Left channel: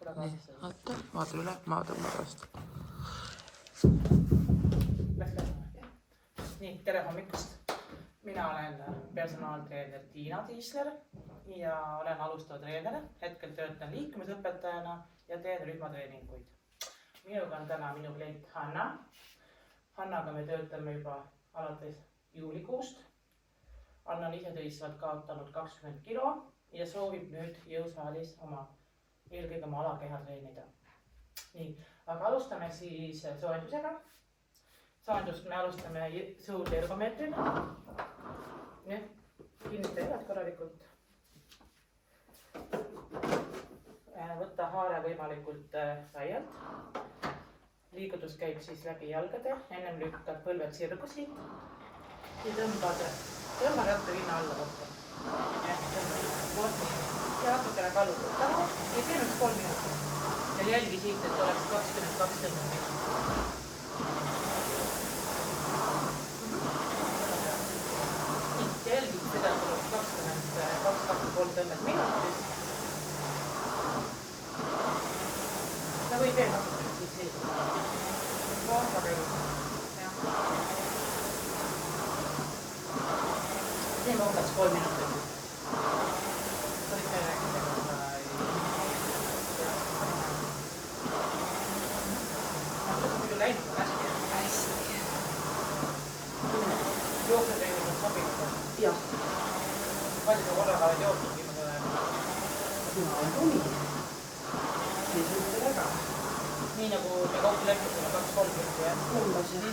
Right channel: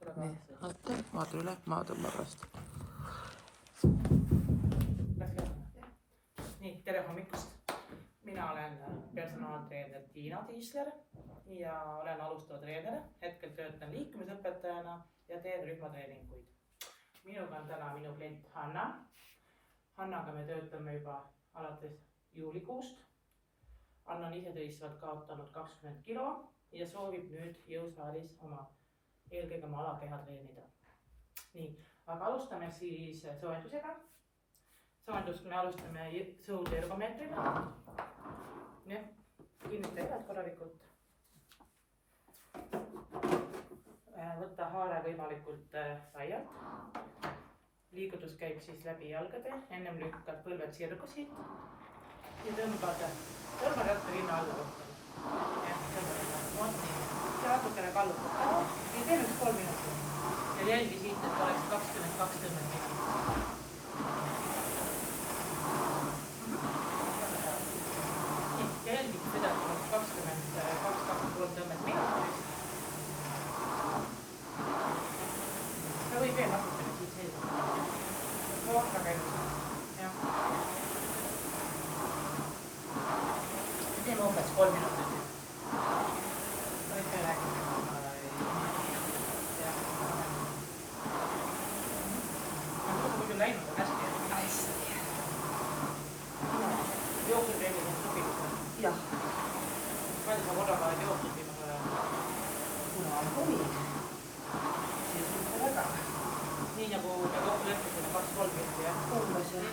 Nii, oota, ma üle, ma tõmban vastu. Nii, tere hommikust. Mina olen personaaltreener Tiina Tiisler ja olen alustava treener. Hetkel töötan liikumisõpetajana ja teen rühmatreeninguid. Minuga on täna minu klient Hanna. Hannaga me töötame juba alates juulikuust. Anna on isetõistvalt kaotanud 20 kilo ja soovib nüüd jõusaalis eelkõige oma alakeha treenida. Nii, aga alustame siis soojendusega. Soojendust me alustame sõudergomeetril. Nii, kinnita jalad korralikult. Võtta haare võimalikult laialt. Liigutus käib siis läbi jalgade. Ennem lükkad põlved sirgusi ja tõmbad ratta rinna alla rohkem. Ja natukene kallutad taha ja teeme 3 minutit. Ja jälgi siit, et oleks 22 tõmmet minutit. Jälgid seda, et oleks 22-23 tõmmet minutit. Ja võib veel natukene siit selgida. Väga käib. Teeme umbes 3 minutit. Võid veel rääkida ka muidu läinud on hästi. Jooksutreenid on sobinud on? Jah. Palju sa korraga oled jooksnud viimase ajal? Nii nagu me kokku leppisime 2-3 minutit, jah? Umbes, jah.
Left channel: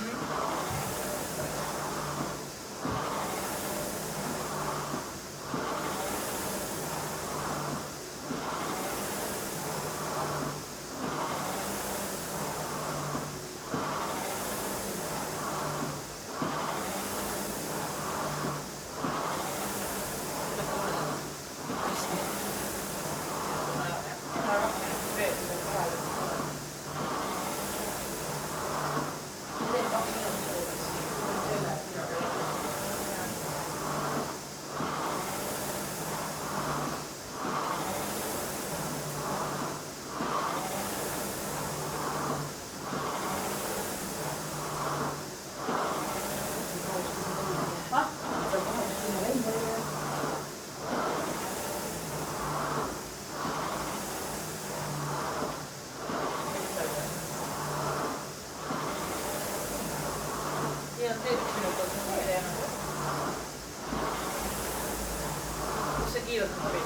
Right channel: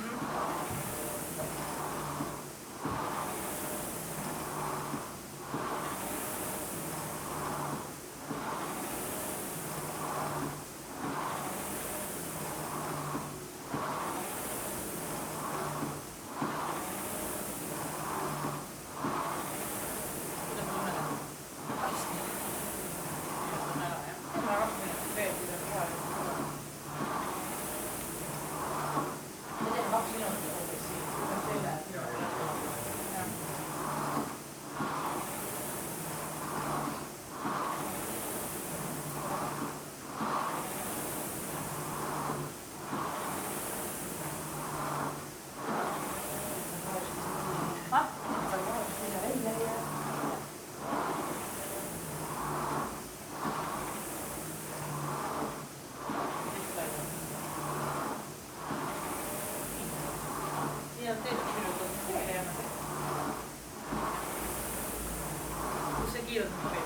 Kus see kiirelt on sobib?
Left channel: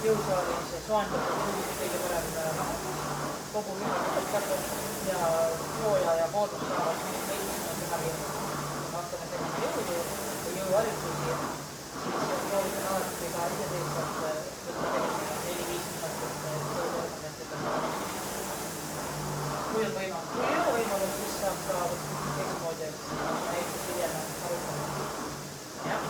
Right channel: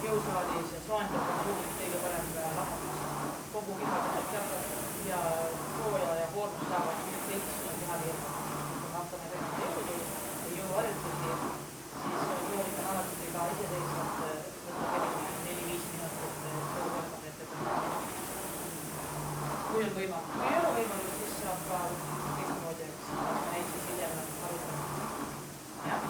Jõusaalis soendatud juhid kõige parem lahe. Kogu keha tõestab ja sooja ja koormus saavad lõiksuna keha virma. Hakkame tegema jõudu ja jõuharjutusi, siis soovitan alati ka isetõistvalt võtta selline 4-5 minutit sõudergomeetrit. Kui on võimalus, siis saab ka teistmoodi näiteks hiljem arutama. Jah.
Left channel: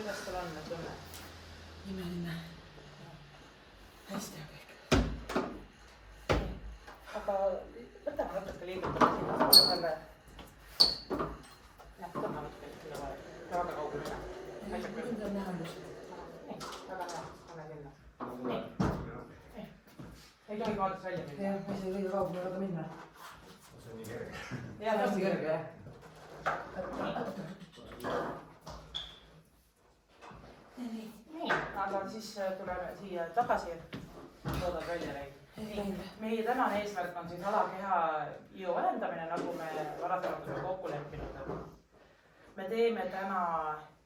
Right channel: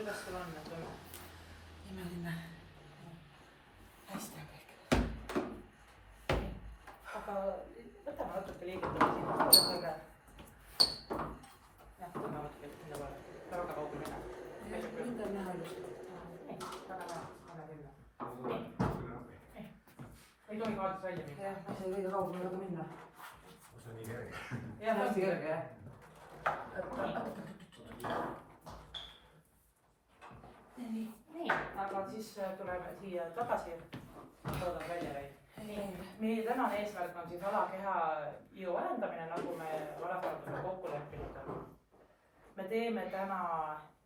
Kuidas sul on tunne? Imeline. Hästi on kõik. Aga võtame natuke liigutama sinna poole selle. Tõmma natuke sinna poole. Väga kaugu minna. Mind on näha just. Nii, väga näha. Pane sinna. Nii. Ei tohi kaadist välja minna. Jah, ei saa kõige kaugele ka minna. See on nii kerge. Jah, Hästi kerge, jah. Nii, aga siis tuleme siia tagasi. Toodad välja reid. Meie tänane eesmärk on siis alakeha jõu arendamine, nagu me varasemalt oleme kokku leppinud. Me teeme täna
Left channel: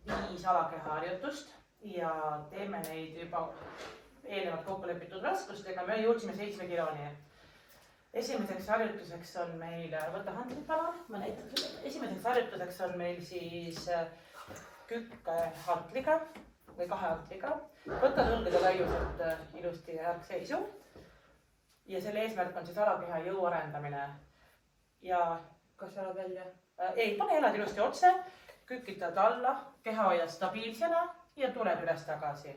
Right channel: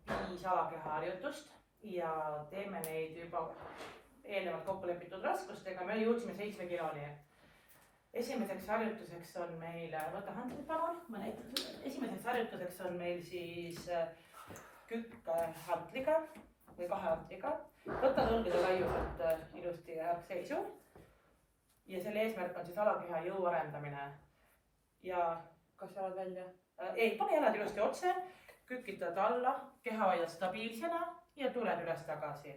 5 alakeha harjutust ja teeme neid juba eelnevalt kokku lepitud raskustega. Me jõudsime 7 kiloni. esimeseks harjutuseks on meil, võta handrid palun, ma näitan. Esimeseks harjutuseks on meil siis kükk hartliga või 2 hartliga. Võta õlgade laiuselt ilusti seisu. Ja selle eesmärk on siis alakeha jõu arendamine. Ja Kas jalad välja? Ei, pane jalad ilusti otse, kükitad alla, keha hoiad stabiilsena ja tuled üles tagasi.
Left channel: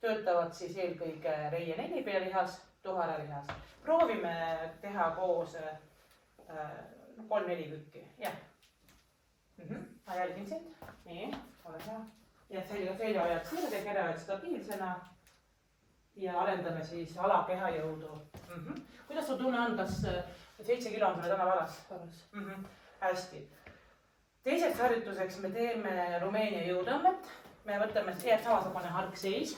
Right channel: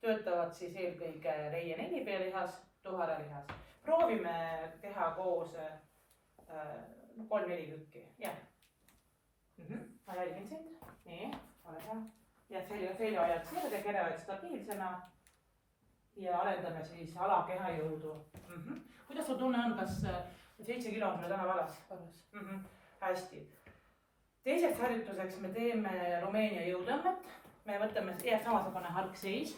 Töötavad siis eelkõige reie nelipealihas, tuharalihas. Proovime teha koos 3-4 kükki. Jah. Ma jälgin sind. Nii, ole hea. Ja selja hoiad sirge, kere hoiad stabiilsena. Ja arendame siis alakeha jõudu. Kuidas sul tunne on, kas 7 kilo on täna valas? Hästi. Teiseks harjutuseks me teeme Rumeenia jõutõmmet. Me võtame samasugune harkseis.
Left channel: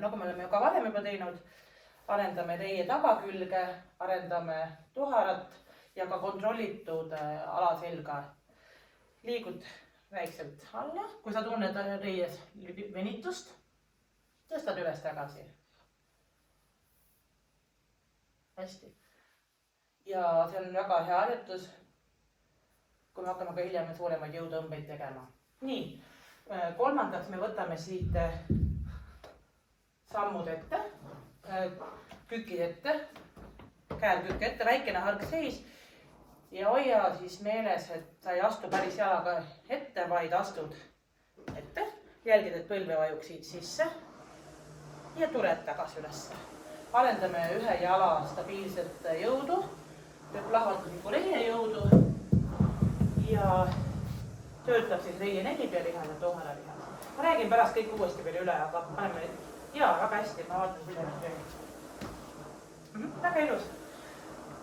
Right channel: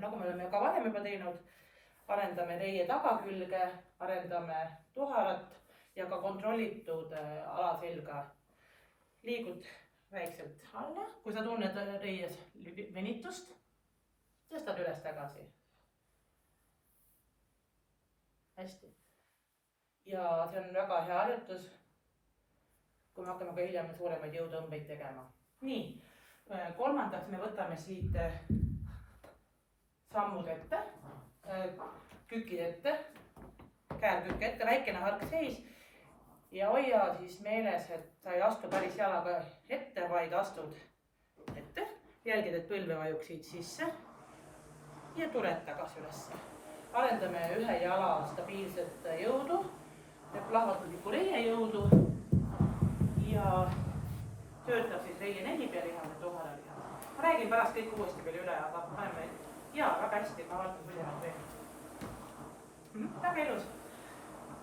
Nagu me oleme ka varem juba teinud, arendame reie tagakülge, arendame tuharat ja ka kontrollitud alaselga. Liigud väikselt alla, kui sa tunned reies venitust, tõstad üles tagasi. Hästi. Ja see on väga hea harjutus, kui me hakkame ka hiljem suuremaid jõutõmbeid tegema. Nii, kolmandaks me võtame siit sammud ette, kükid ette, käel kükk ette, väikene harkseis ja hoia siis meeles, et sa ei astu päris jalaga ette, vaid astud ette. Jälgid, et põlve vajuksid sisse ja tuled tagasi ülesse. Arendame ühe jala stabiilset jõudu, plahvatuslikku reie jõudu ja töötab siis reie nelipealihas ja tuharalihas. Ma räägin pärast kõik uuesti veel üle, aga paneme jaa, väga hästi, ma vaatan, kuidas nad treenid. Väga ilus.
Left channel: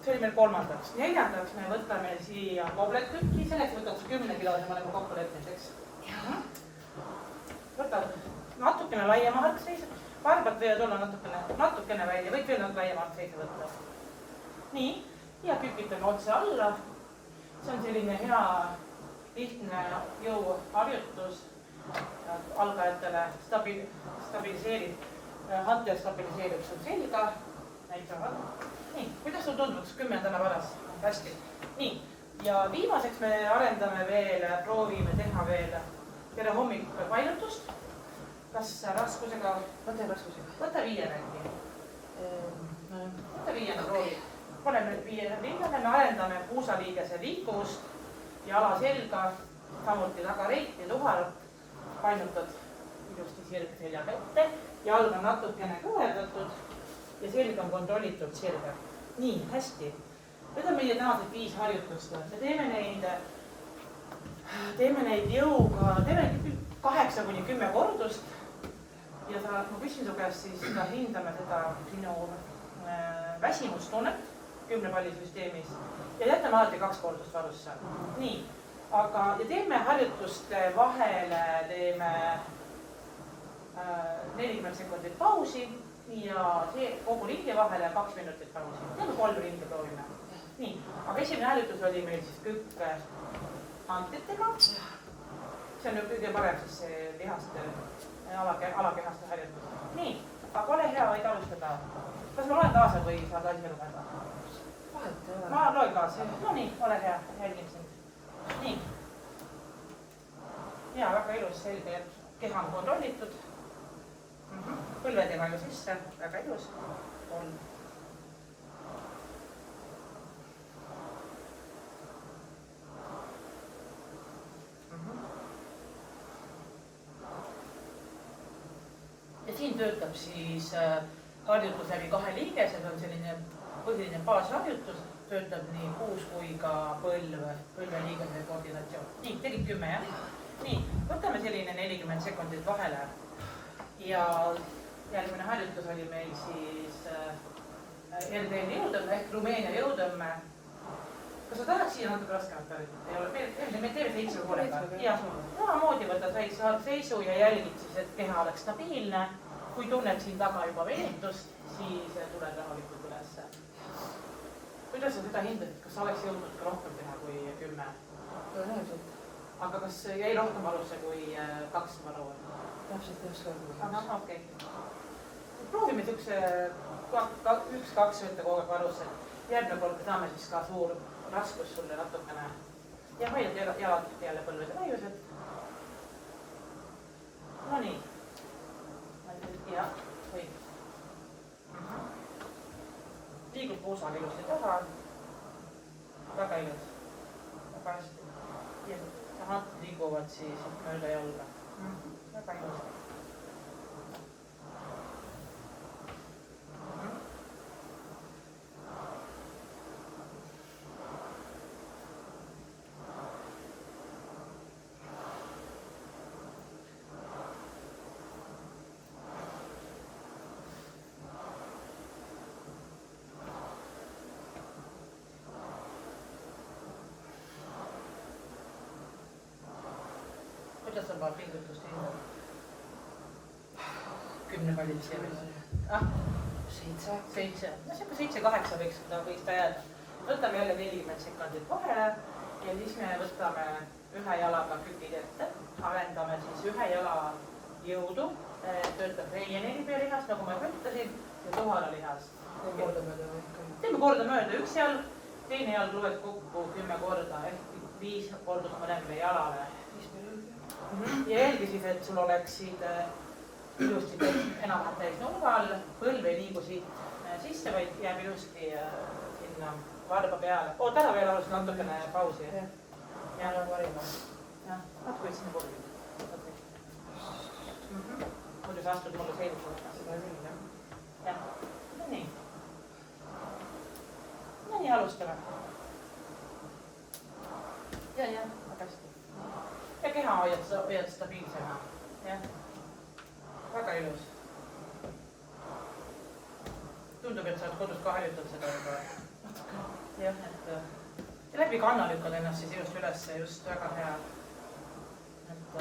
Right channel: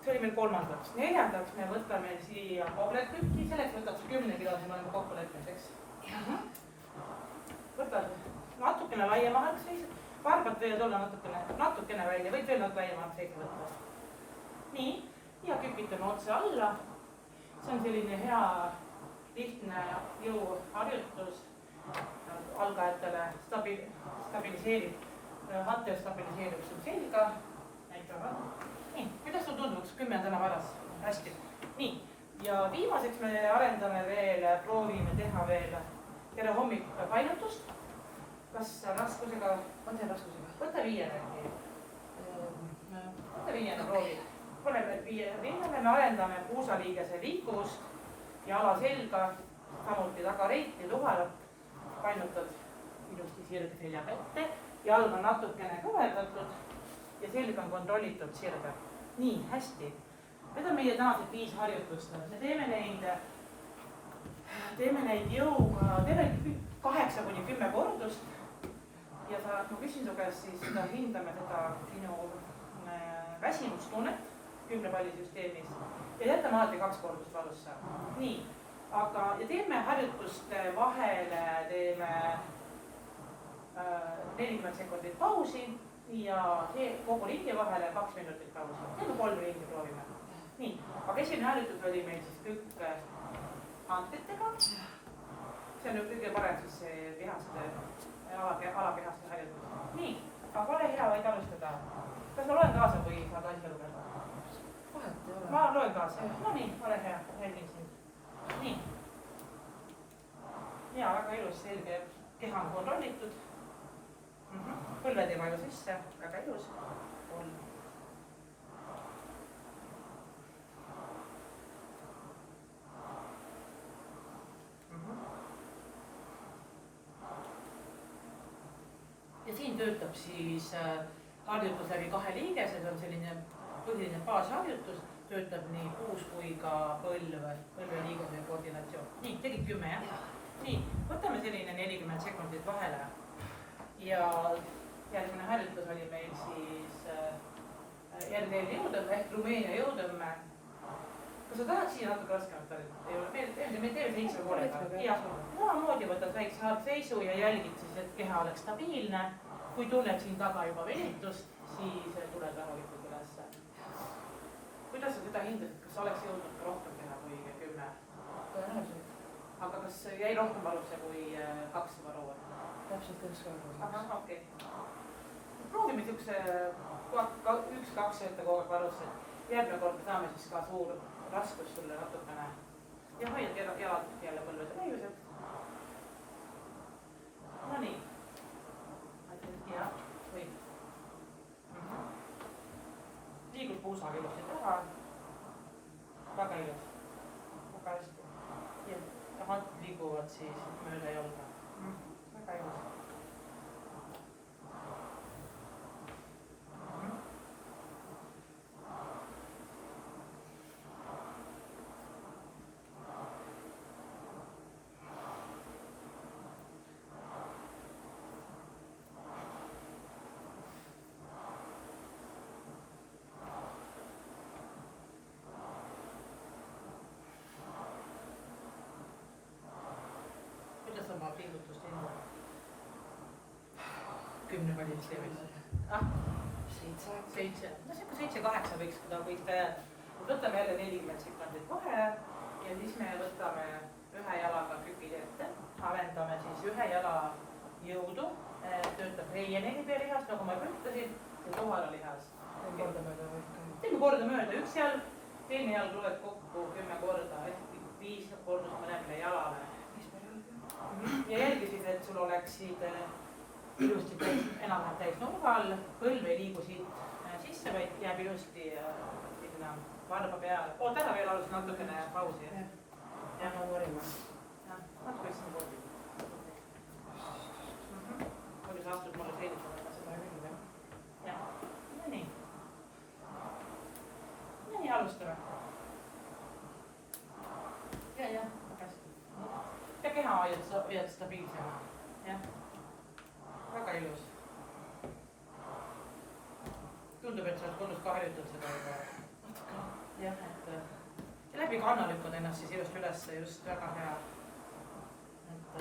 See oli meil kolmandaks. Neljandaks me võtame siia kobletkükki, selleks võtad 10 kilo, me oleme kokku leppinud, eks. Võtad natukene laiema harkseis, varbad võivad olla natukene välja, võid veel laiema harkseise võtta. Nii, ja kükitame otse alla. See on selline hea lihtne jõuharjutus algajatele, stabiliseerib, hantel stabiliseerib sul selga, näitavad. Nii, kuidas sul tundub, 10 täna varas? Hästi. Nii, ja viimaseks me arendame veel, proovime teha veel tere hommik painutust. Kas raskusega? Võta raskusega. Võta 5 äkki. Võta 5 proovi. Oleme 5 rinnale, me arendame puusaliigese liikuvust ja alaselga, samuti tagareit ja tuharat. Painutad ilusti sirg seljaga ette, jalg on natukene kõverdatud ja selg on kontrollitud sirge. Nii, hästi. Need on meie tänased 5 harjutust. Me teeme neid jõuga, teeme 8-10 kordust ja ma küsin su käest siis, hindame seda sinu väsimustunnet 10 palli süsteemis ja jätame alati 2 kordust varusse. Nii. Aga, ja teeme harjutuste vahele, teeme 40 sekundit pausi ja kogu ringi vahele 2 minutit pausi. Teeme 3 ringi proovime. Nii, aga esimene harjutus oli meil siis kükk hantritega. See on kõige parem siis lihaste, alakehaste harjutus. Nii, aga ole hea, võid alustada. Kas ma loen kaasa või saad asja lugeda? Vahet ei ole. Ma loen kaasa. No nii, ole hea, jälgin sind. Nii. Ja, väga ilus, selge, et keha on kontrollitud. Põlved ei vaju sisse, väga ilus. 3. Ja siin töötab siis harjutus läbi 2 liigesed, on selline põhiline baasharjutus. Töötab nii puus kui ka põlveliigese koordinatsioon. Nii, tegid 10, jah? Nii, võtame selline 40 sekundit vahele. Ja järgmine harjutus oli meil siis RDL jõudõmme ehk Rumeenia jõudõmme. Kas sa tahaks siia natuke raskemat harjutada? Ei ole, me teeme 7 poolega. Ja, samamoodi võtad väikse harkseisu ja jälgid siis, et keha oleks stabiilne. Kui tunned siin taga juba venitust, siis tuled rahulikult ülesse. Kuidas sa seda hindad, kas sa oleks jõudnud ka rohkem teha kui 10? Tõenäoliselt. Aga kas jäi rohkem varusse kui 2 varu? Täpselt 1 korda. Aha, okei. proovime siukse 1-2 võtta kogu aeg varusse, et järgmine kord me saame siis ka suur raskus sulle natukene ja hoiad jalad jälle põlvede laiused. No nii. Ja, hoid. Liigub puusaga ilusti taha. Väga ilus. Väga hästi. Ja hapid liiguvad siis mööda jalga. Väga ilus. Kuidas on vaja pingutust hindada? 10 pallid siia veel. 7. No siuke 7-8 võiks ta jääda. Võtame jälle 40 sekundit vahele ja siis me võtame ühe jalaga kükid ette. Arendame siis ühe jala jõudu. Töötab reie nelipea-lihas, nagu ma ütlesin, ja tuhara lihas. Teeme kordamööda või ikka? Teeme kordamööda. Üks jalg, teine jalg loed kokku 10 korda, ehk 5 kordust mõlemile jalale. 5 per jalg. Ja jälgi siis, et sul oleksid ilusti enam-vähem täis nurga all, põlv ei liigu siit sisse, vaid jääb ilusti sinna varba peale. Oot ära veel alustada natukene pausi. Jah, annan varima. Jah, natuke sinna korvi. Muidu sa astud mulle selgitada. Seda küll, jah. Jah, no nii. No nii, alustame. Ja, väga hästi. Ja keha hoiad stabiilsena. Jah. Väga ilus. Tundub, et sa oled kodus ka harjutanud seda juba. Jah, et läbi kanna lükkad ennast siis just üles, just väga hea. Et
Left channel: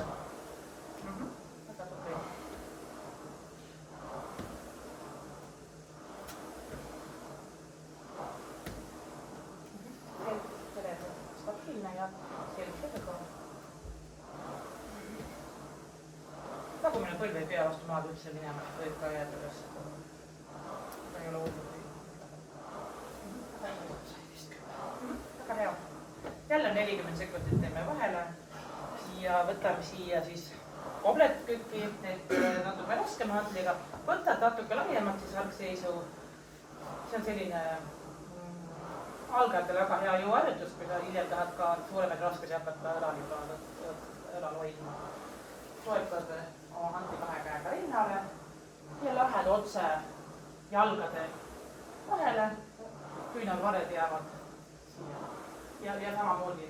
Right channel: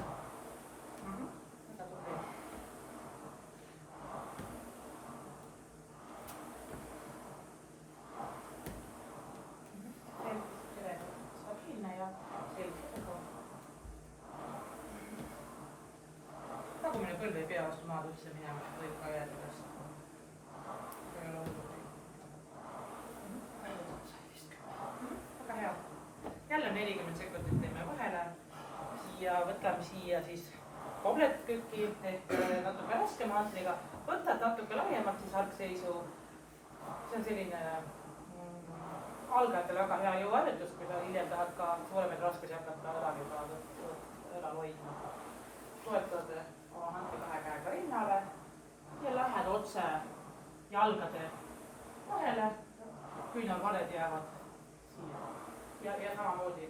väga tubli. Selg stabiilne ja selg selga. Tagumine põlv ei pea vastu maad üldse minema, võib ka jääda üles. Seda ei ole hullud. Väga hea. Jälle 40 sekundit teeme vahele ja võtame siia siis kobletkükki, et natuke raskema hantliga. Võtad natuke laiemalt siis algseisu. See on selline algajatel väga hea jõuharjutus, kui sa hiljem tahad ka suuremaid raskusi hakata õlal hoidma. Toetad oma hantli 2 käega rinnale ja lähed otse jalgade vahele, küünarvared jäävad siia. Ja samamoodi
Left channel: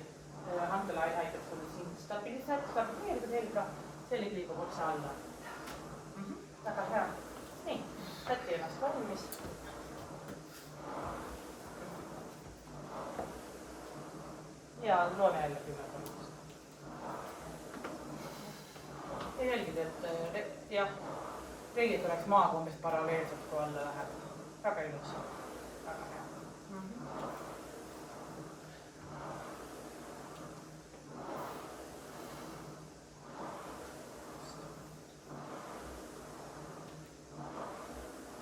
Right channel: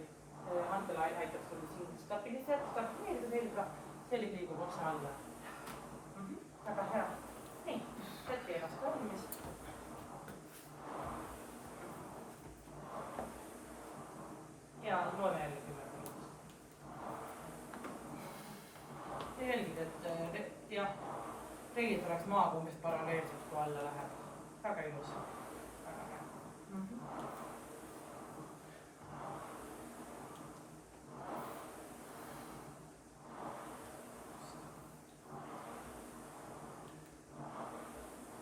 hantel aitab sul siin stabiliseerida selga, selg liigub otse alla. Väga hea. Nii, võtke ennast valmis. Ja loeme jälle 10 korda. Ja jälgid, et jah, reilid oleks maaga umbes paralleelselt, kui alla läheb. Väga ilus. Väga hea.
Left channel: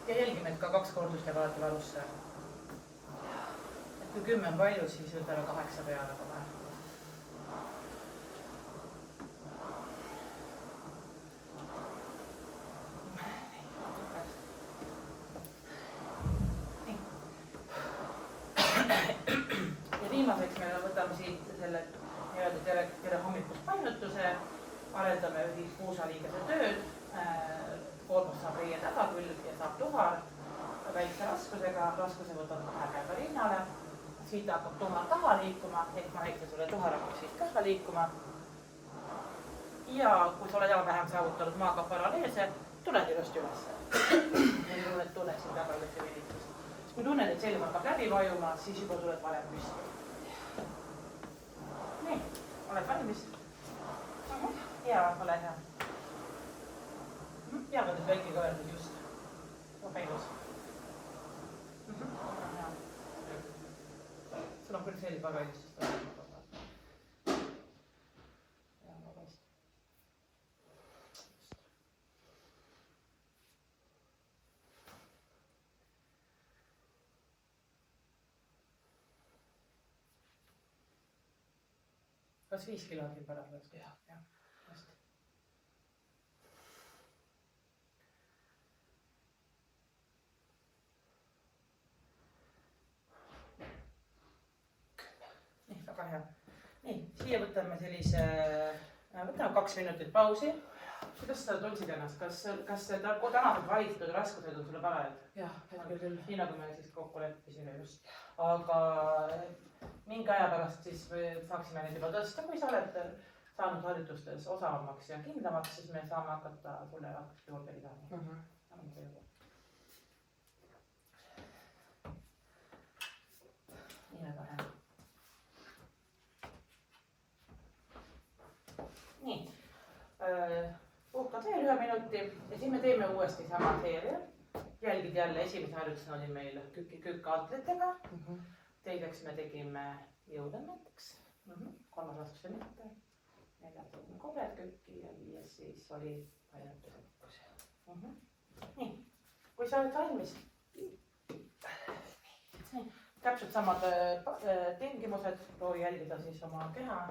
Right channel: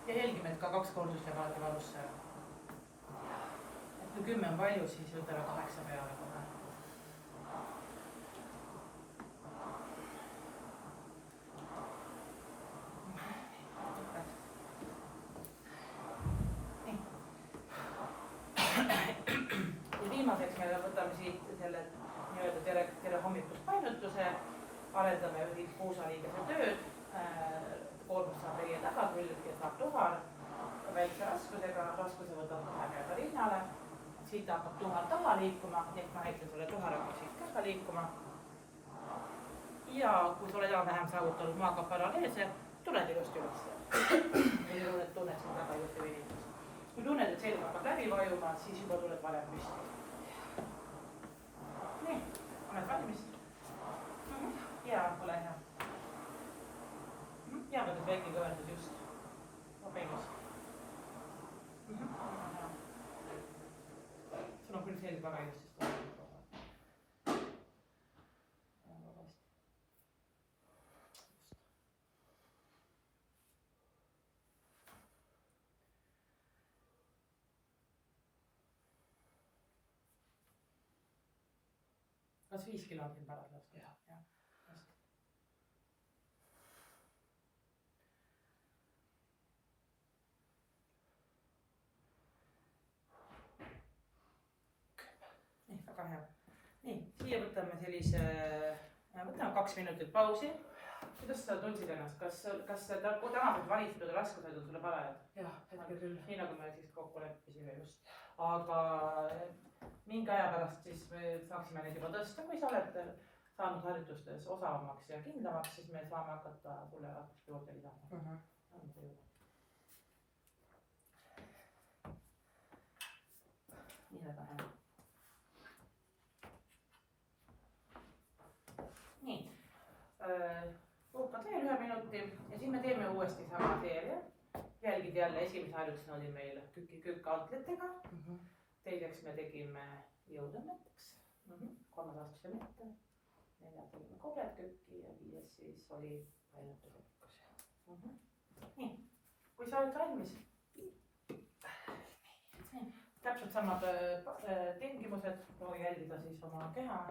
Ja jälgime, et ka 2 kordust jääb alati varusse. Et kui 10 on palju, siis võtame 8 peale kohe. Ja viimaseks me võtame siit selle nii-öelda tere hommikust painutuse, arendame puusaliigese tööd, koormust saab reie tagakülg ja saab tuhar väikse raskusega, raskuse võtab 2 käega rinnale, siit hakkab tuhar taha liikuma, ehk ma näitan sulle, tuhar hakkab siit ka liikuma. Ja kui sa oled enam-vähem saavutanud maaga paralleelse, tuled ilusti ülesse. Ja tunned siin taga ilusti vilitust. Kui tunned, et selg hakkab läbi vajuma, siis juba tuled varem püsti. Nii, oled valmis? Ja, ole hea. Ja võtad väike ka öeldud just. Väga ilus. Sul on küll selg väga ilusust. Ja, väga hästi. kas 5 kilo on siin parasjagu? Jah. Hästi. Nii, väga hea. Nii, siia võtame sellise, võtame 2 minutit pausi. Kuidas sa tundsid ennast? Kas tänased valitud raskused on sulle parajad? Jah, hetkel küll. Nii nagu me siis kokku leppisime just. Aga mingi aja pärast siis saaksime neid juba tõsta, kui sa oled saanud harjutustes osavamaks ja kindlamaks, siis me saame hakata sulle juurde lisama. Nii väga hea. Nii, puhkad veel 1 minuti ja siis me teeme uuesti sama seeria. Jälgid jälle, esimese harjutusena oli meil kükk-altletega. Teiseks me tegime jõutõmmeteks. 3. astuse mitte. 4. tegime kobed kükki ja 5. siis oli painete sekkus. Nii, kui sa oled valmis. Täpselt samad tingimused, proovi jälgida siis oma keha.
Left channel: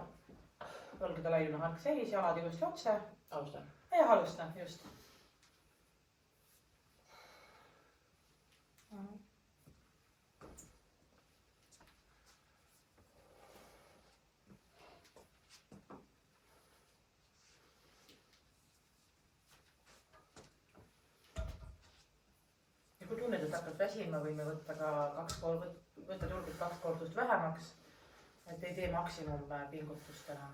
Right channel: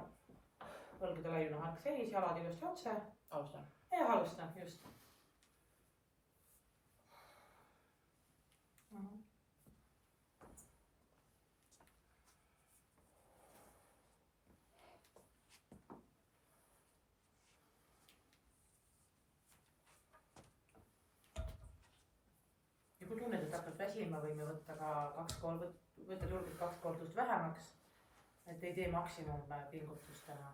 Õlgade laiune hark seis, jalad ilusti otse. Alustan. Ja alustan, just. Ja kui tunned, et hakkad väsima, võime võtta ka 2 turgid 2 kordust vähemaks, et ei tee maksimum pingutust täna.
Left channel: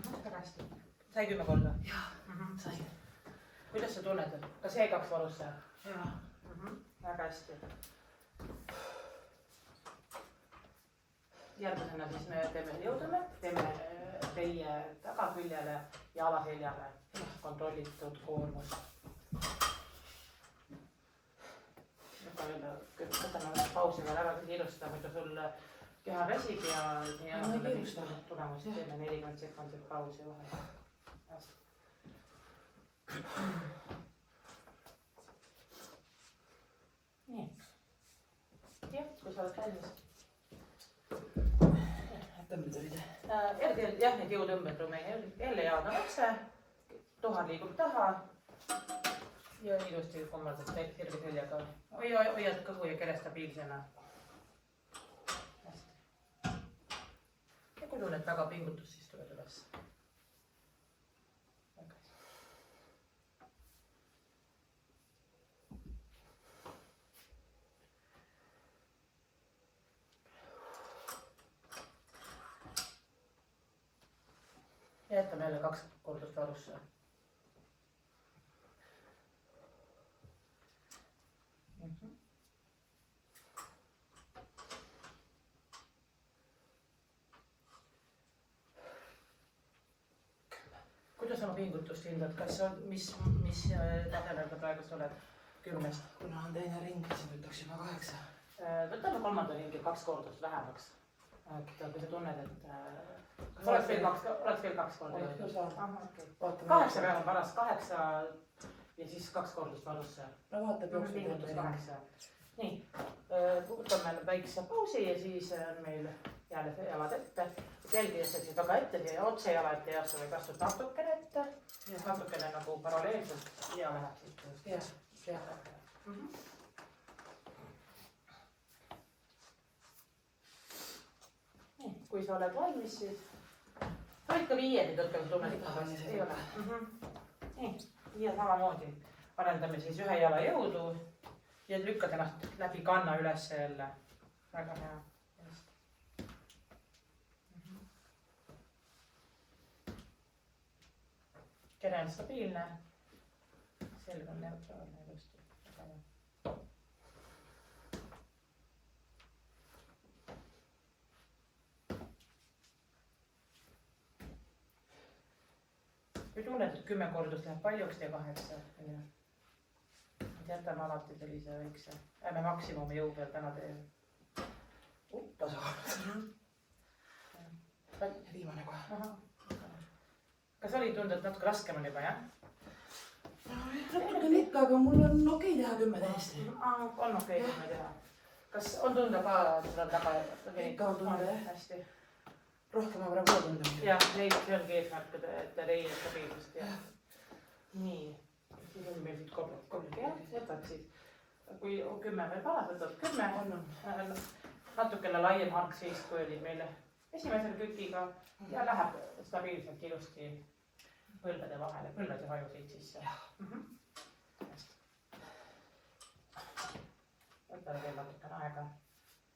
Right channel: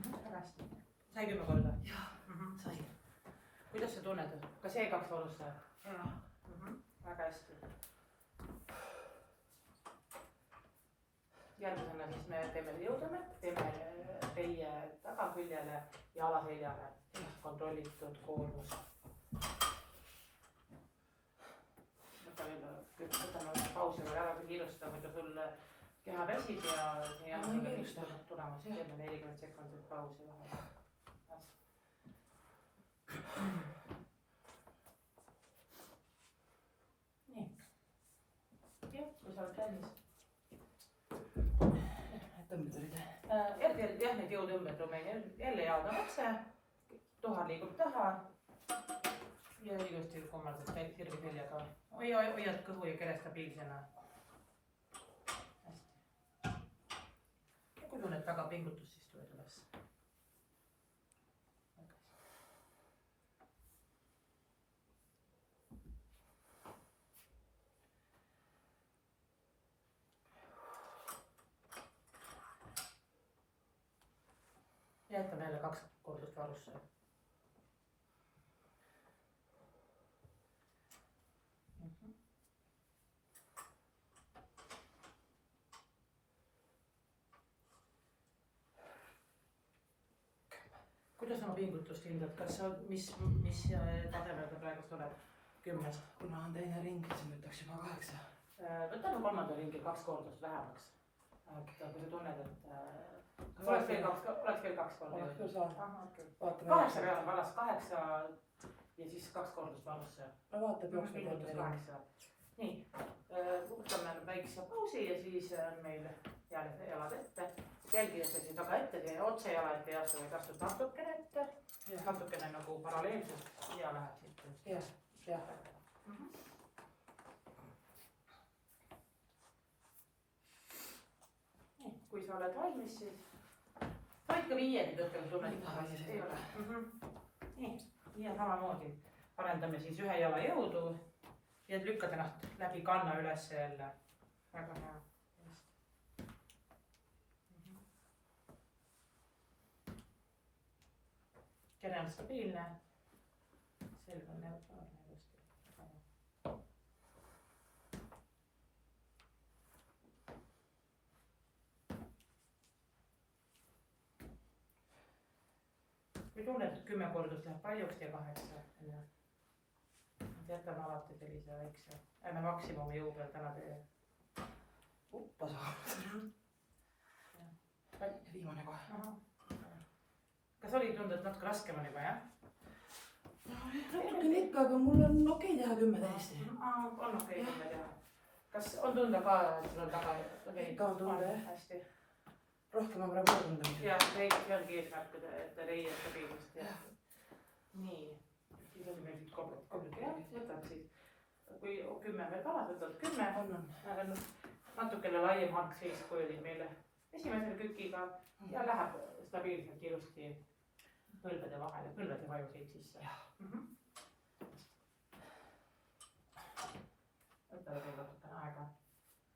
Väga hästi. Sai 10 korda? Jah, sai. Kuidas sa tunned? Kas jäi 2 varusse? Väga hästi. Järgmisena siis me teeme jõutõmmet, teeme teie tagaküljele ja alaseljale kontrollitud koormus. Võtame pausi veel ära, kui kiirustada, muidu sul keha väsib ja ei anna sulle mingit tulemust. Teeme 40 sekundit pausi vahel. Nii. Jah, kui sa oled valmis. Tõmbed olid? Jah, need jõutõmbed Rumeenia. Jälle jalad on otse, tuhar liigub taha ja ilusti kummaldad sirge seljaga. Hoiad kõhu ja kere stabiilsena. Hästi. Ja kui tunned väga pingutust, siis tuled üles. Jätame jälle 2 kordust varusse. Kuidas oma pingutust hindad? Mis tasemel sa praegu oled 10-st? Kuna on teine ring, siis võtaks juba 8. Võtame 3. ringil 2 kordust vähemaks. Et kui sa tunned, et kas oleks veel 2 korda? Oleks küll saanud. 8 peal on paras, 8 ja siis 2 kordust varusse. No vaatab pingutus 8. Nii, võtame väikse pausi ja siis on meil jälle jalad ette. Jälgides siis väga ette ja otse jala ette ei astu, vaid astud natukene ette. Natukene nagu paralleelselt ja läheb siit. Jah. Kui sa oled valmis, siis võid ka 5 tõttel tunned. Ei ole. Nii, ja samamoodi arendame siis 1 jala jõudu ja lükkad ennast läbi kanna üles jälle. Väga hea. Kere on stabiilne. Selg on neutraalne ilusti. Kui tunned, et 10 kordust läheb paljuks, tee 8. Jätame alati sellise väikse, ärme maksimumi jõu peal täna tee. Uppas olnud. Viimane kohe. Kas oli tunda, et natuke raskem on juba, jah? natukene ikka, aga mul on okei teha 10 täiesti. On okei 10 teha. Kas on tunda ka, et seal taga? Ikka on tunda, jah. Hästi. Rohkem on praegu tunda. Jah, see ongi eesmärk, et leia stabiilsust ja nii. Siis on meil siit kobled jah, jätab siis. Kui 10 veel palas, võtad 10. Natukene laiem hark siis, kui oli meil esimesel kükiga ja läheb stabiilselt ilusti põlvede vahele, põlvede vajusid sisse. Võtame veel natukene aega,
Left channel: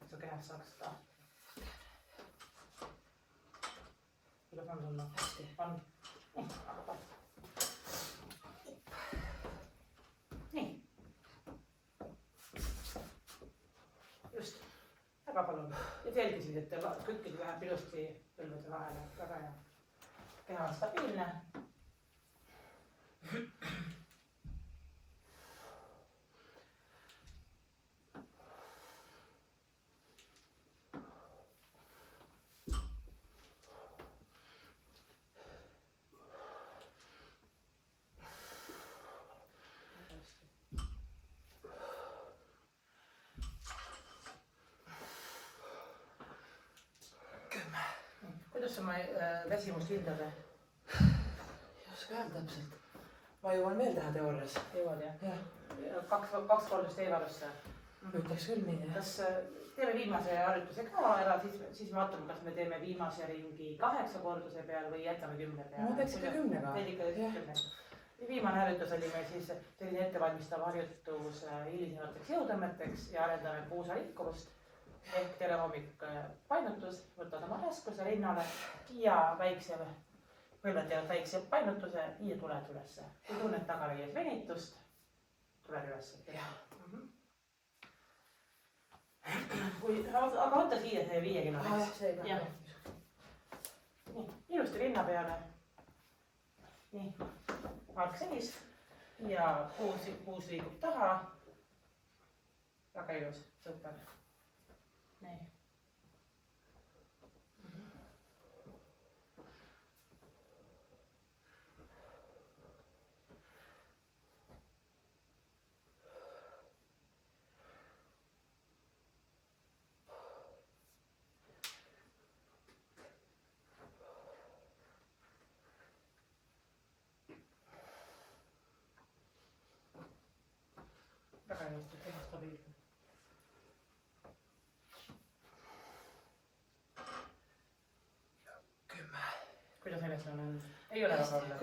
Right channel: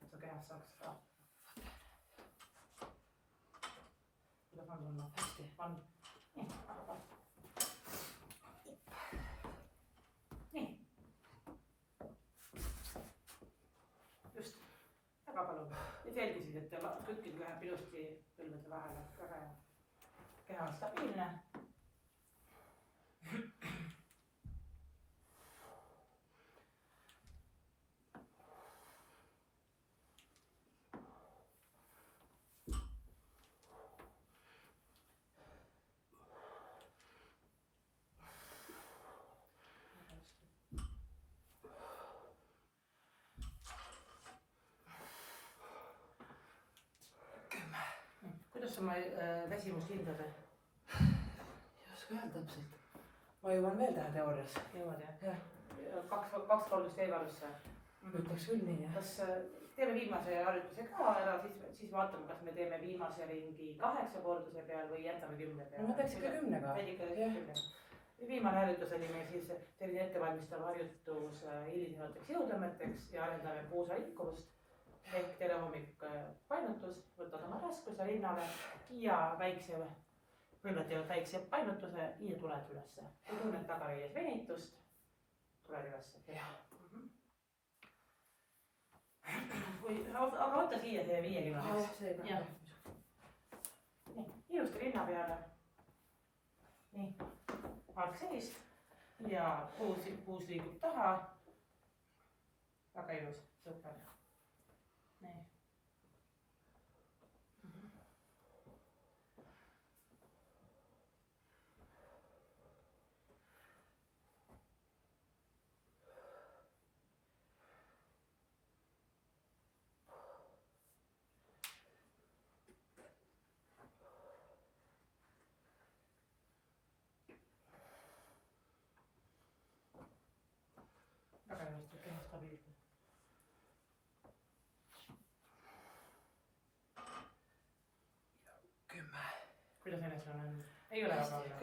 et su kehas saaks seda. Kuidas on tunnud? Hästi. On? Nii, aga palju. Nii. Just, väga palun. Ja selgisid, et kükkid läheb ilusti põlvede vahele. Väga hea. Keha on stabiilne. Kuidas on väsimus hindad? Ei oska öelda täpselt. Ma jõuan veel teha teoorias. Jõuad jah? Jah. 2 korda teevarusse. Ütleks küll nii, jah. Kas teeme viimase harjutuse ka ära, siis vaatame, kas me teeme viimase ringi 8 korduse peal või jätame 10 peale. Ma teeks ikka 10-ga. Viimane harjutus oli meil siis selline ettevalmistav harjutus hilisemateks jõutõmmeteks ja arendame puusa liikuvust. Ehk tere hommik painutus, võtad oma raskuse rinnale ja väikse, põlved teevad väikse painutuse ja tuled ülesse. Kui tunned tagareies venitust, tuled ülesse. Aga võtta siia see 5 kilo. Nii, ilusti rinna peale. Nii, hark seis ja puus liigub taha. Väga ilus, super. Nii. Väga ilusti, keha stabiilne. Kuidas ennast on? Ei ole väga olla.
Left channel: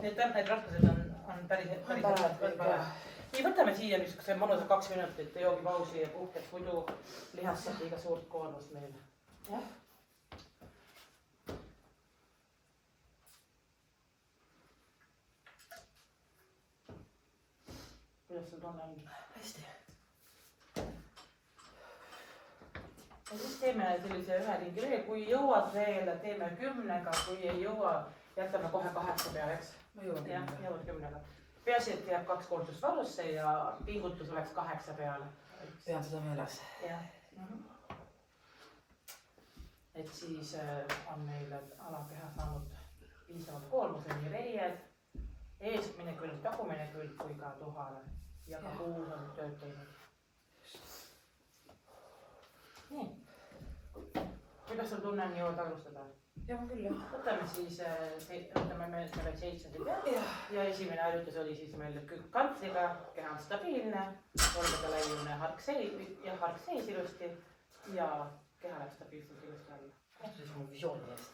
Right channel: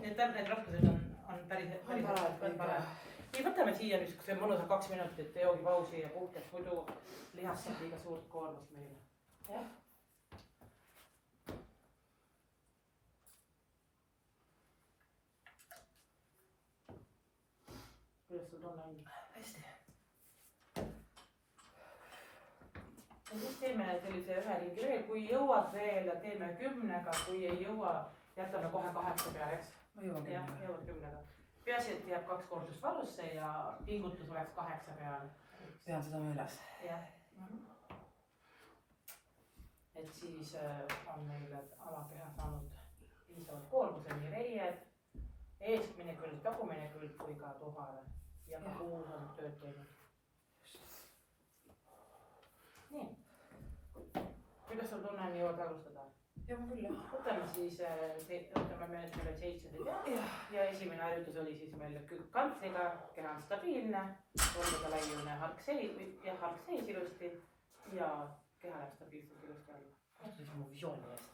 Need raskused on päris Nii, võtame siia niisuguse mõnusa 2 minutit joogipausi ja puhkeks, muidu lihas saab liiga suurt koormust meil. Jah. Kuidas sul tunne on? Hästi. Ja siis teeme sellise 1 ringi veel, kui jõuad veel, teeme 10-ga, kui ei jõua, jätame kohe 8 peale, eks? Ma jõuan 10-ga. Jah, jõuad 10-ga. Peaasi, et jääb 2 kordust varusse ja pingutus oleks 8 peale. Pean seda meeles. Jah. Et siis on meil alakeha saanud piisavalt koormuse, nii reied, eeskmine külg, tagumine külg kui ka tuhale ja ka puus on tööd teinud. Nii, kuidas sul tunne on jõuda alustada? Jah, küll jah. Võtame siis, võtame meil 7 ja esimene harjutus oli siis meil kantsliga, keha on stabiilne, olgade laiune hark seis ilusti ja keha läheb stabiilselt ilusti alla. Kohtu siis mu visiooni eest.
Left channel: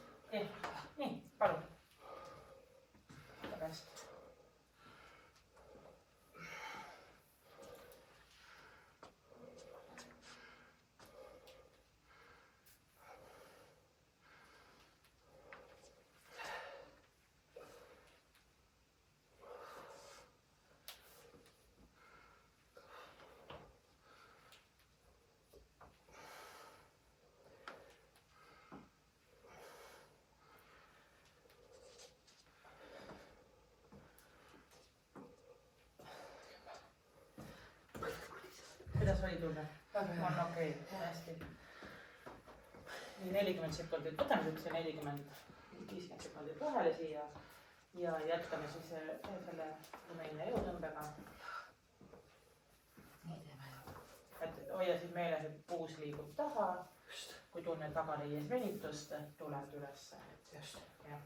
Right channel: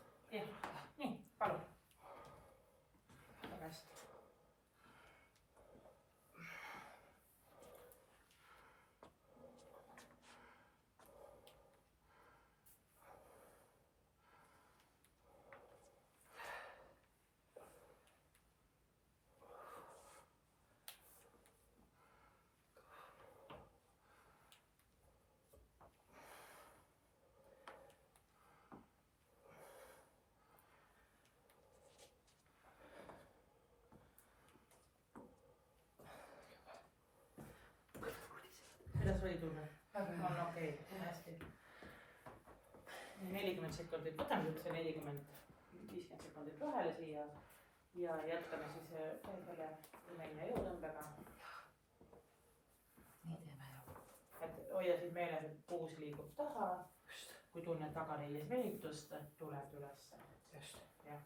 Nii, palun. Väga hästi. Kuidas oli tunne? On okei, hästi. Nii 40 sekundit, võtame niisuguse 40-50 sekundit vahele siia ja jätkame siis selle lumeline jõutõmbega. Nii teeme jah. Et hoia siis meeles, et puus liigub taha. Just. Kui tunned tagareies venitust, tuled ülesse. Just. Jah.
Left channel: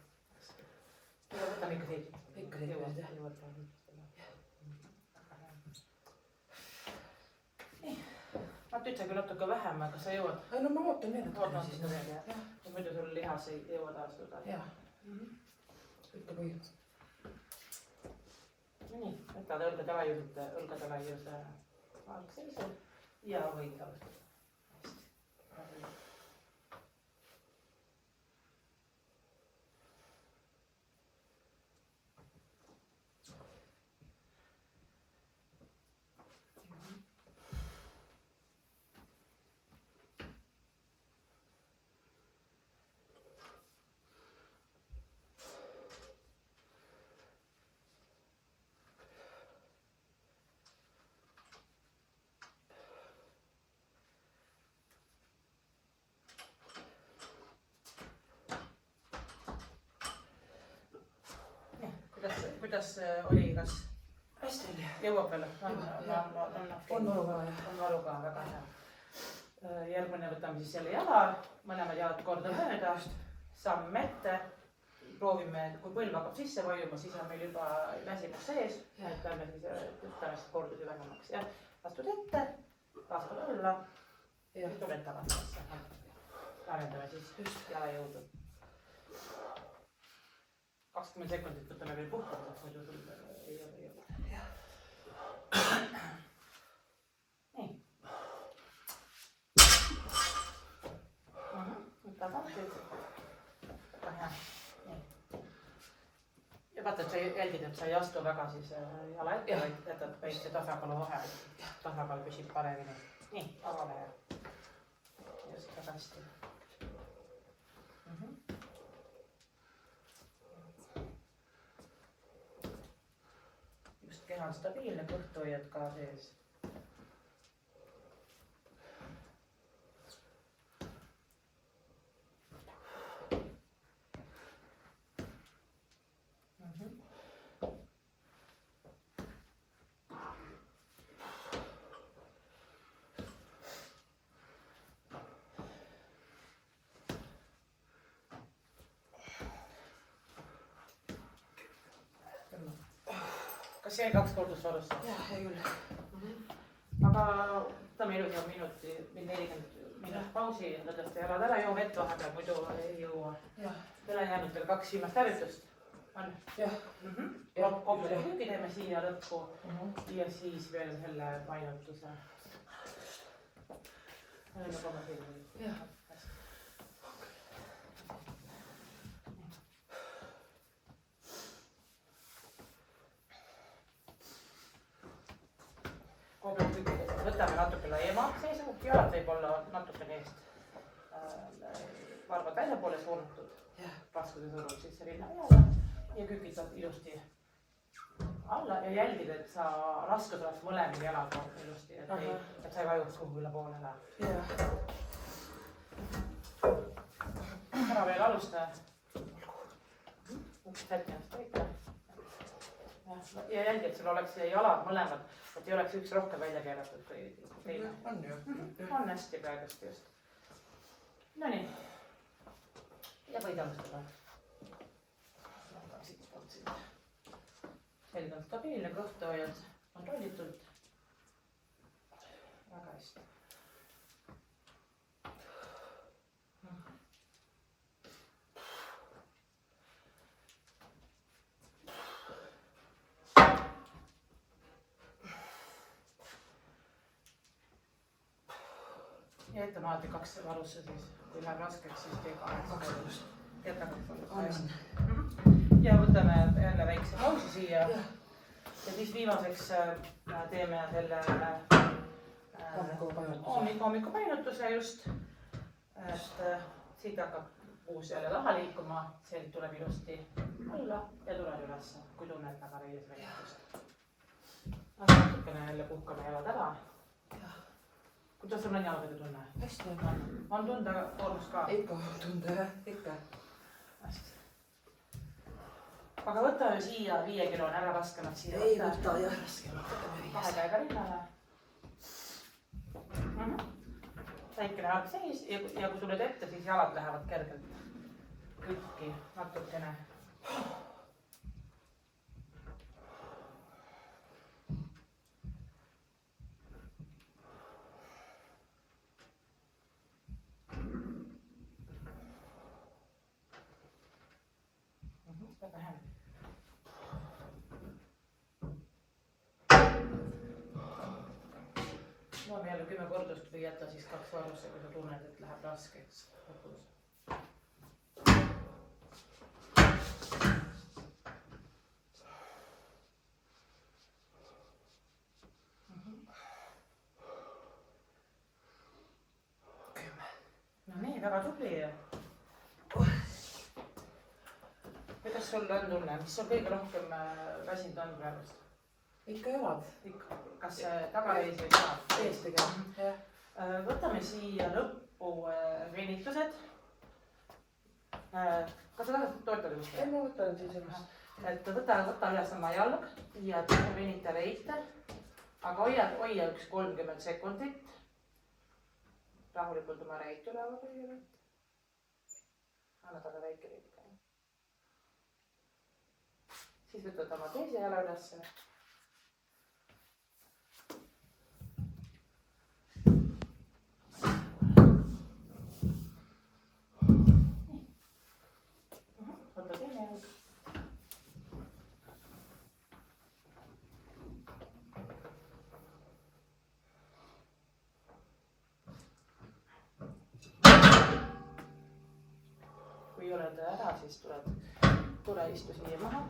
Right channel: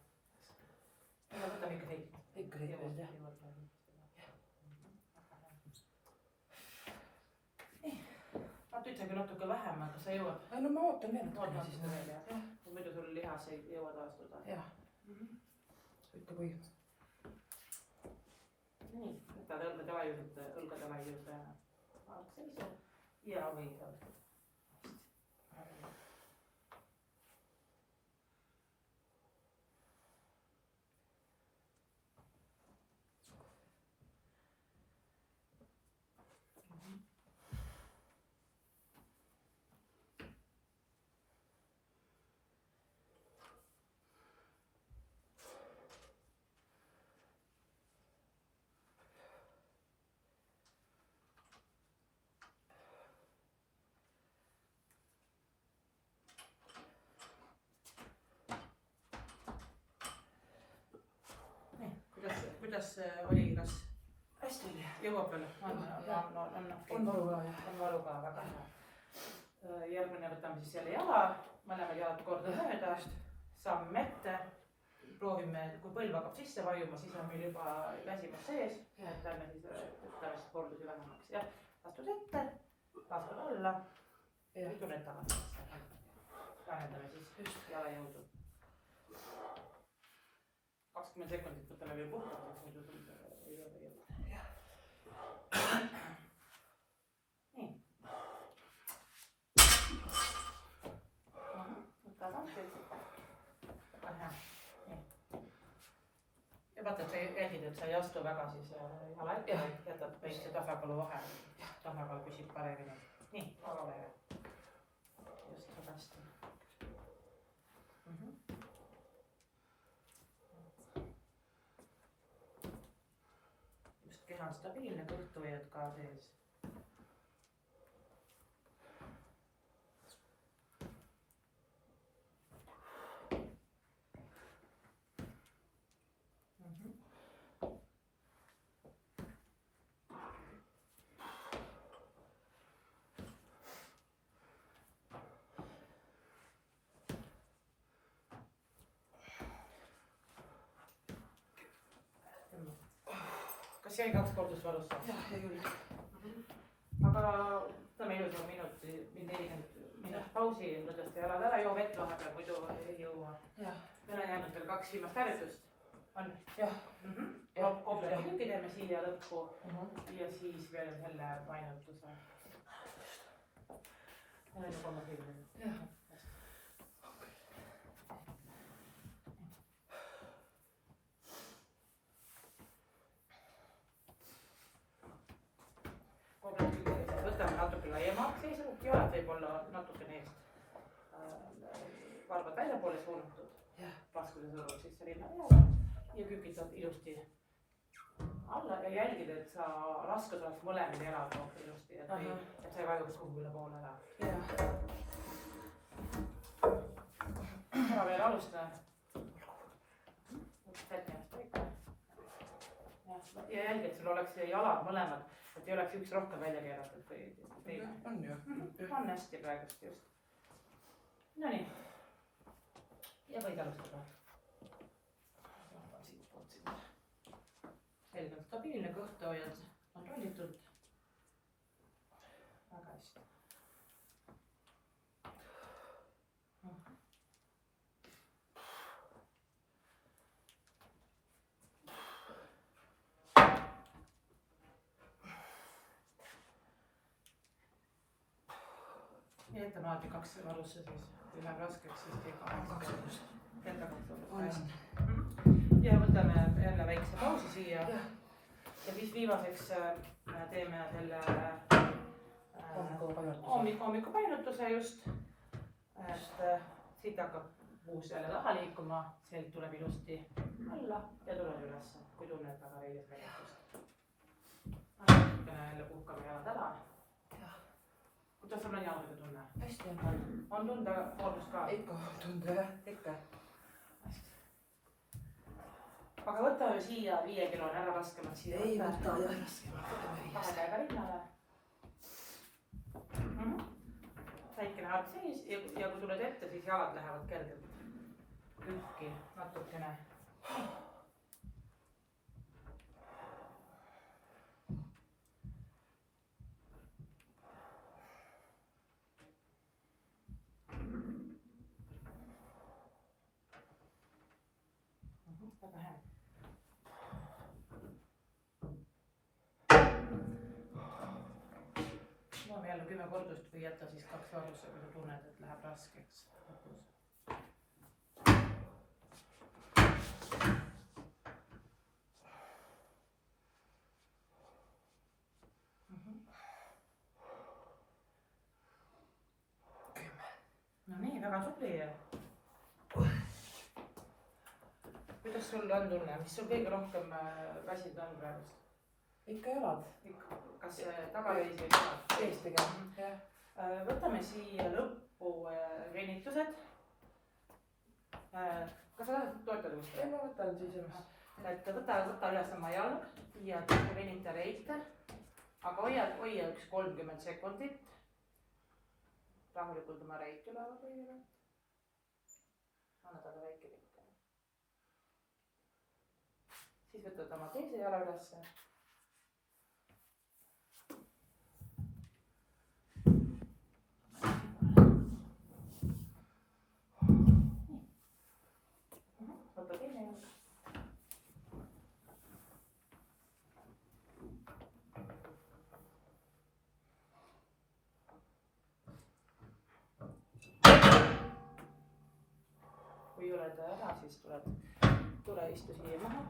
Ja võtame ikka siit. Ikka siit Jõuab, jah. jõuab. Nii. Ma ütlegi natuke vähem, aga sa jõuad. Ai, no ma ootan veel Oota siis. natuke veel, jah. Muidu sul lihas ei jõua taastuda. Jah. Ütle kui. Nii, võtad õlgade laiuse algseisu ja võid alustada. Kuidas oli, kas Hästi oli. jõuab veel? On valu ka jah. On valu ka, väga hea. Järgmine võtame siis jälle jala, mõlemad jalad korda mööda, samm ette. Proovime, kui põlv hakkab sisse vajuma, siis on meil juba väsimus sees. Et lähme siis tõstame kordusi vähemaks. Jah, astud ette, laskad alla ja tuled tagasi. Lahendame siis jala jõudu. 20 sekundit võtame veel puhkama, muidu sul ei ole jõuda. Nii. Võtad lahti. Väga hea. Nii. Ja vaata, et sa jälgid, et sa ei astu väga siis jala ette, vaid jätad väikse tasakaalu vahel. Tasakaal püsib paremini. Nii, avale ja. Just väga hästi. Keha on stabiilne, kõhtu hoiad ka sees. Kas jäi 2 kordust varusse? Jah, jäi küll. Aga võtame ilusa 40 minut pausi, enda tõsta jalad ära, joo vett vahepeal, muidu ei jõua. Teil on jäänud veel 2 viimast harjutust. On? Jah. Kompleti tükki teeme siia lõppu ja siis veel selle painutuse. Jah. Võtame natuke laiema seisu, jalad võib olla natukene eest varbad välja poole suunatud. Raskuse surub sisse rinna peale ja kükitad ilusti alla ja jälgid, et sa raskus oleks mõlemil jalad ilusti, et sa ei vajuks kuhugi üle poole ära. Ära veel alusta. Sätti ennast paika. Ja jälgi, et sul oleks jalad mõlemad, et ei oleks üks rohkem välja keeratud kui teine. On ju. On hästi praegust just. No nii. Ja võid alustada. Selge on stabiilne, kõhtu hoiad kontrollitult. Väga hästi. Ja jätame alati 2 varusse siis, kui läheb raskeks, siis tee 2 varusse. Jäta 2 varusse. Ja võtame jälle väikse pausi siia. Ja siis viimaseks teeme selle hommikupainutuse just. Siit hakkab puus jälle taha liikuma, sealt tuleb ilusti alla ja tuleb üles, kui tunned tagareies venitust. Natukene jälle puhkame jalad ära. Kuidas sul on jalgadega tunne? Hästi on. On tunda koormust ka? Ikka tunda, ikka. Hästi. aga võtame siia 5 kilone ära raskemalt siia. ei võta jah raskemalt, võtame 5. 2 käega rinnale. Väikene hark seis ja kui tuled ette, siis jalad lähevad kergelt rükki natukene. Väga hea. Loeme jälle 10 kordust või jäta siis 2 varusse, kui sa tunned, et läheb raskeks lõpus. No nii, väga tubli. Kuidas sul on tunne, mis sul kõige rohkem väsinud on praegust? Ikka jalad. Kas tagareis või jalad? Ees pigem. Võtame siia lõppu venitused. Kas sa tahad toetada kuskil? Ei, ma võtan siis ennast. Et võta üles oma jalg ja venita reite. Aga hoia üks 30 sekundit. Rahulikult oma reit üleval kõigepealt. Anna taga väike reit. Siis võtad oma teise jala ülesse. Võta teine jalg. Kui oled ära, siis tule istu siia maha.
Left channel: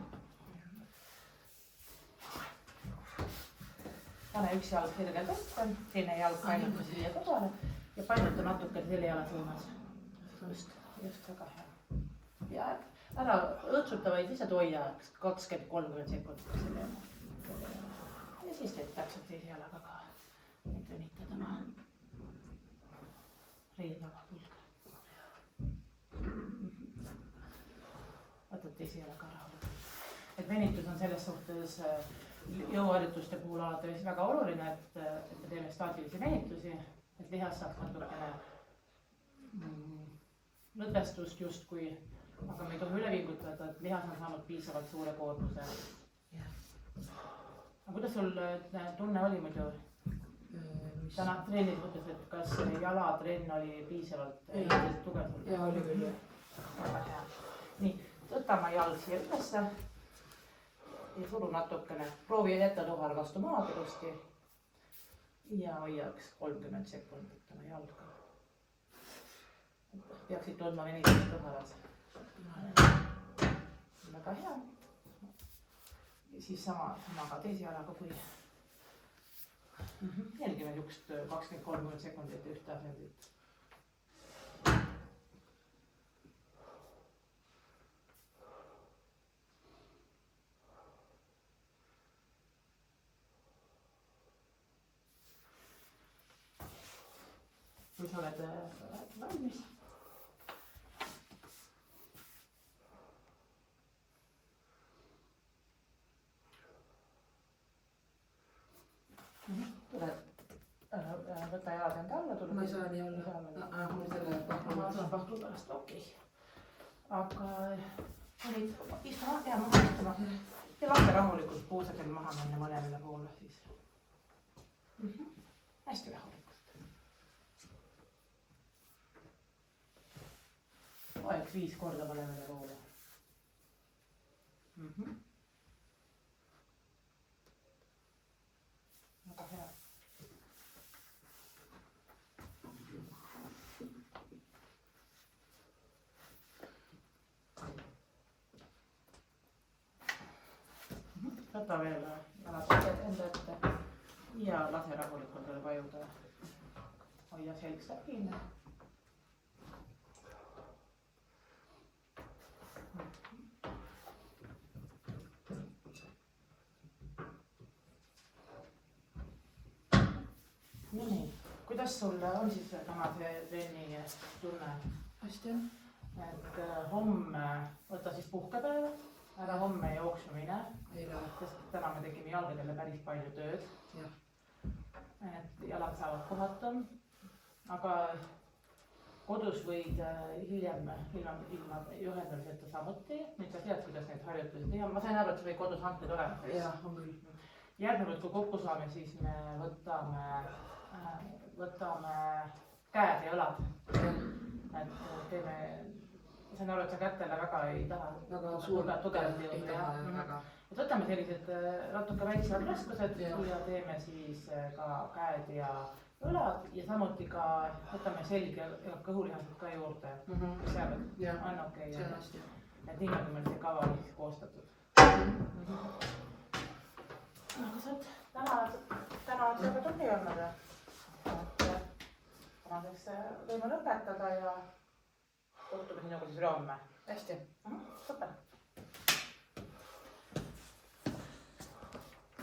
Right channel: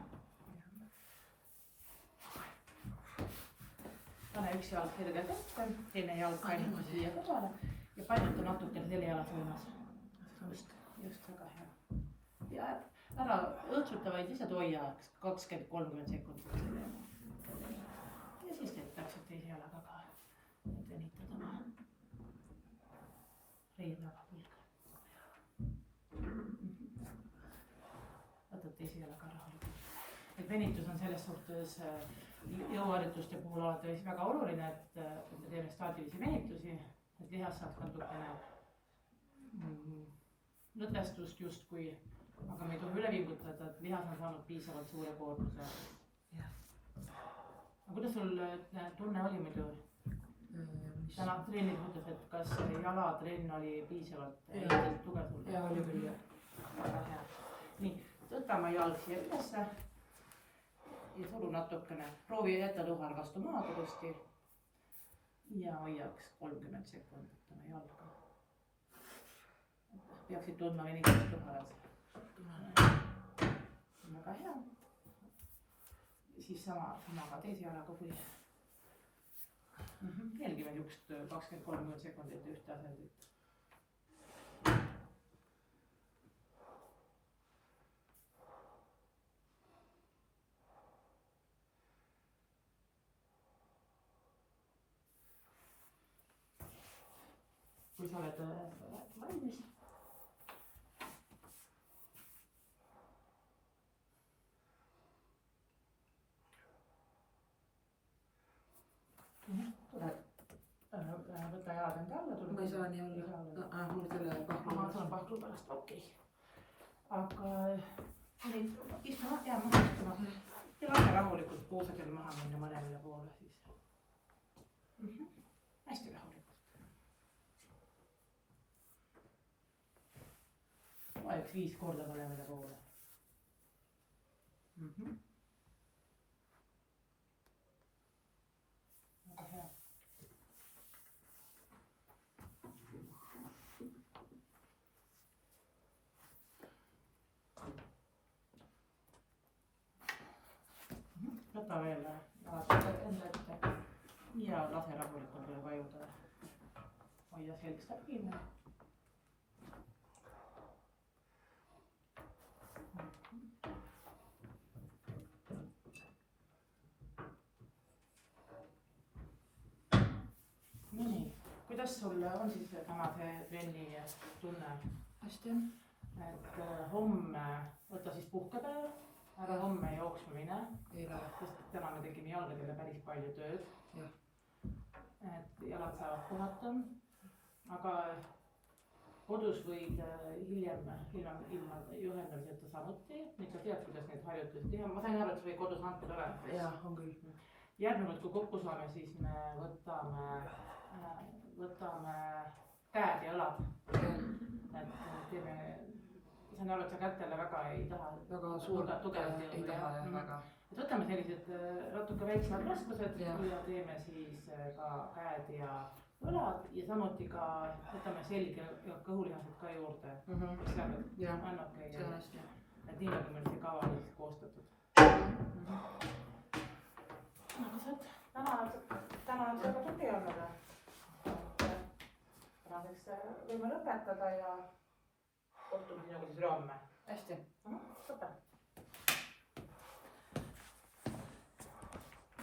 Pane üks jalg selgelt ette, teine jalg painata siia kõrvale ja painata natuke selle jala suunas. Just väga hea. Ja ära õõtsuta, vaid lihtsalt hoia 20-30 sekundit selle jala. Ja siis teed täpselt teise jalaga ka. Need venitad oma riidlava külge. Võtad teise jalaga rahulikult. Et venitus on selles suhtes jõuharjutuste puhul alati väga oluline, et me teeme staatilisi venitusi, et lihas saaks natukene lõdvestust justkui, aga me ei tohi üle vingutada, et lihas on saanud piisavalt suure koormuse. Aga kuidas sul tunne oli muidu? Täna treenid mõttes, et kas jalatrenn oli piisavalt tugev sul? Ja oli küll jah. Väga hea. Nii, võta oma jalg siia ülesse. Ja suru natukene, proovi jätta tuhal vastu maad ilusti ja hoiaks 30 sekundit oma jalga. Peaksid tundma venitust tuhalas. Väga hea. Ja siis sama ka teise jalaga kui. Jälgi veel üks 20-30 sekundit ühte asendit. Kui sa oled valmis. Võta jalad enda alla. Ma ei saa nii olla. Mul selle pahklu. Ma saan pahklu pärast, okei. Aga istu jää maha istuma ja lase rahulikult puusadel maha minna mõlemale poole siis. Hästi rahulikult. Vaeks 5 korda mõlemale poole. Väga hea. Võta veel jalad enda ette ja lase rahulikult veel vajuda. Hoia selg stabiilne. Nii, kuidas sul on siis tänase trenni tunne? Hästi on. Et homme võta siis puhkepäeva, ära homme jooksma mine, ei lähe. sest täna me tegime jalgadele päris palju tööd. Et jalad saavad puhatum, aga kodus võid hiljem ilma juhendamiseta samuti. Nüüd sa tead, kuidas neid harjutusi teha. Ma sain aru, et sa või kodus hanked olema. Jah, on küll. Järgnevalt, kui kokku saame, siis me võtame käed ja õlad. Et teeme, sain aru, et sa kätele väga ei taha. Väga suurt tugevalt ei taha ja väga. Et võtame sellised natuke väiksemad raskused ja teeme siis ka käed ja õlad ja samuti ka võtame selg ja kõhulihased ka juurde. See on okei. Et nii nagu meil see kava oli koostatud. Aga sa oled täna on väga tubli olnud. Tänaseks võime lõpetada ja kohtume sinuga siis homme. Hästi. Super.